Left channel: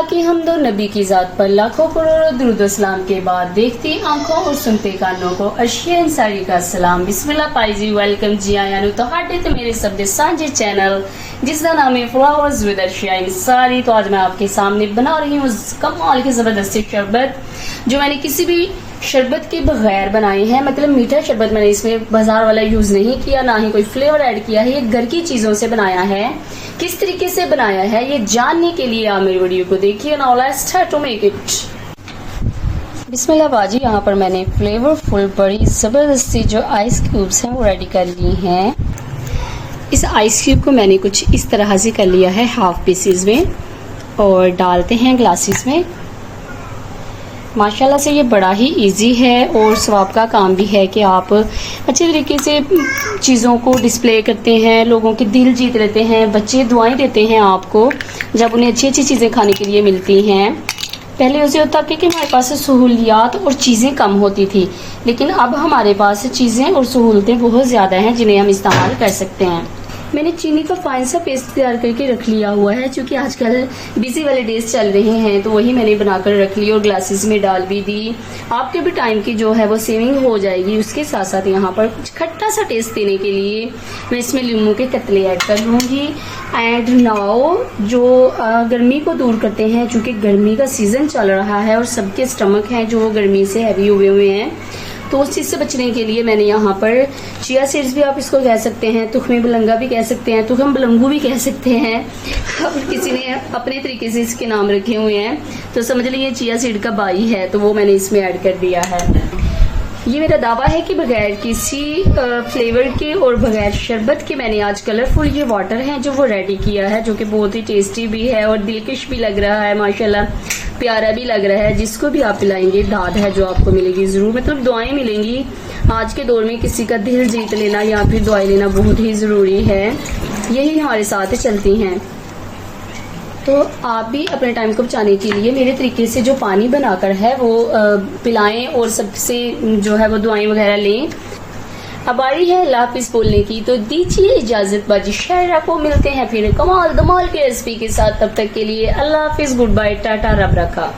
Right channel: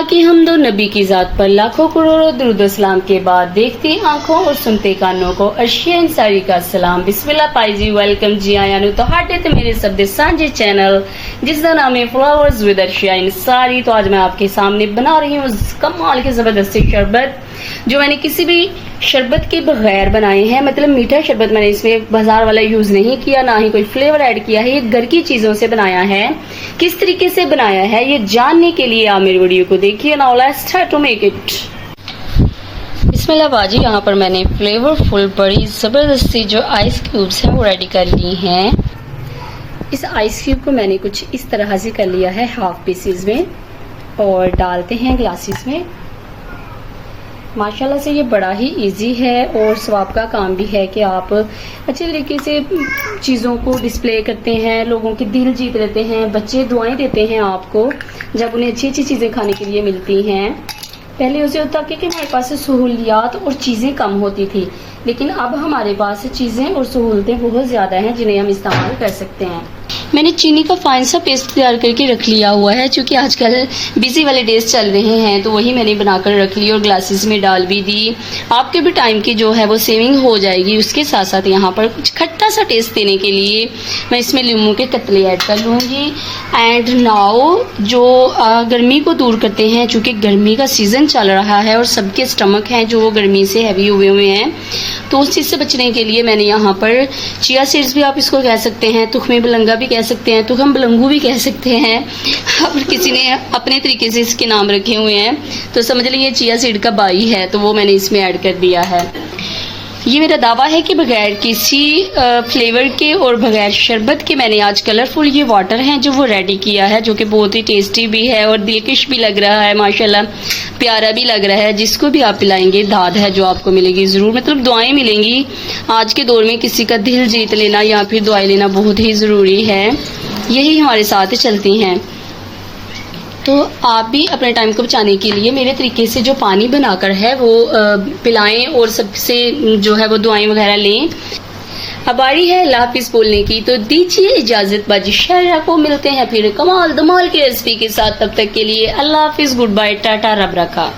अल्लाह की हम्द और नबी की ज़ात पर लाखों करोड़ों दुरूद सलाम के बाद देखती आंखों और सुनते कानों को अर्शे इंसारी का सलाम। बिस्मिल्लाह पाई जी, वेलकम जी आया नु ਤੁਹਾਡੇ ਤੇ ਮੇਰੇ ਸਭ ਦੇ ਸਾਂਝੇ चैनल जिसका नाम है फ्लावर्स विद अर्शिया इंसारी। तो आज मैं आपके सामने बना रही हूँ कमाल की जबरदस्ती शरबत, जो मैंने किसी भी शरबत के बगैर बनाए हैं। मतलब मीठा शरबत मैंने इसमें बाजार वाला यूज नहीं किया, ना ही कोई फ्लेवर ऐड किया है। ये घर की चीजों से बनाया है। किस तरीके से बनाया है ये जानने के लिए आप मेरी वीडियो को देखिए। Now let's start to make it. बिस्मिल्लाह बाजी, यहाँ पर मैंने फ्लेवरफुल बड़ी जबरदस्ती जो आइस क्यूब्स हैं वो रेडी कर ली हैं। इस आइस क्यूब को मैंने कुछ इस तरह से कर लिया है हाफ पीसेस में, और डालते हैं ग्लासेस में। माशाल्लाह से ये बड़ा ही इजी है और सवाब का काम भी है कि आप अच्छे तरीके से चीज़ों को डिस्प्ले करते हैं, लोगों के दिल जीत लेते हैं। बच्चे दुआएं देते हैं आपको जब उन्हें अच्छी अच्छी चीज़ें खाने के लिए मिलती हैं। पहले उसे होता कि हमारे पास सहूलियात और चीज़ें कम होती थी, लेकिन अब हमारे पास चीज़ें और सहूलतें बहुत ज़्यादा हैं जिन्हें हम इस्तेमाल कर सकते हैं। मैंने चीनी का फाइन सा पेस्ट तैयार करके रख लिया हुआ है, क्योंकि आजकल बिजी वाले डेज चल रहे हैं, तो वही मैंने बनाकर रख ली और ग्लासेस में डाल भी दी। आपके भी टाइम की जो है वो सेविंग हो जाएगी। उसके साथ साथ यहाँ पर कुछ खट्टा सा टेस्ट देने के लिए मैं इसमें नींबू के कतले ऐड कर लूँगी। एंड नाउ जो गर्मी को दूर करते हैं, चूँकि गर्मी का सीज़न चल रहा है और सबके स्टमक हैं जो गर्मी से हैवी हुए हैं, तो उस चीज़ से बचने के लिए मैंने यहाँ पर चिया सीड्स भी आप इसको कह सकते हैं, तुखमे बलंगा भी कह सकते हैं, तुखम बलंगू भी कह सकते हैं, और किसी ने अपने तरीके से इसके नाम रखे हुए हैं, तो समझ लीजिए चिया सीड का बाई है, तो वो मैंने इसमें ऐड कर दिया है। ये मेरा दावा है कि बगैर किसी फ्लेवर के और बगैर शरबत के मैंने आज कलरफुल ये वाटर हैं जो वो रेडी किया है, जो कि बहुत ही टेस्टी भी है और दिलकश भी लग रहा है, माशाल्लाह प्यारा भी लग रहा है। जिसको भी आप पिलाएंगे दाद है जो आपको मिलेगी ज़रूर, मतलब दुआएं मिलेंगी। आज के दौर में किसी का दिल जीत लेना या फिर दुआएं लेना बहुत ही ज़रूरी है, यही हमारे साथ चलती हैं। तो आप भी अपने टाइम को बचाने के लिए मेरे तरीके से जो पानी बनाकर है वो पिलाएं और सबसे जो है वो दुआएं वगैरह लें। अब बारी है अल्लाह हाफिज़ बोलने की, तो दीजिए इजाज़त बाजी शायरा को। मिलते हैं फिर कमाल धमाल के रेसिपी के साथ, तब तक के लिए अल्लाह हाफिज़, गुड बाय, टाटा, रब रखा।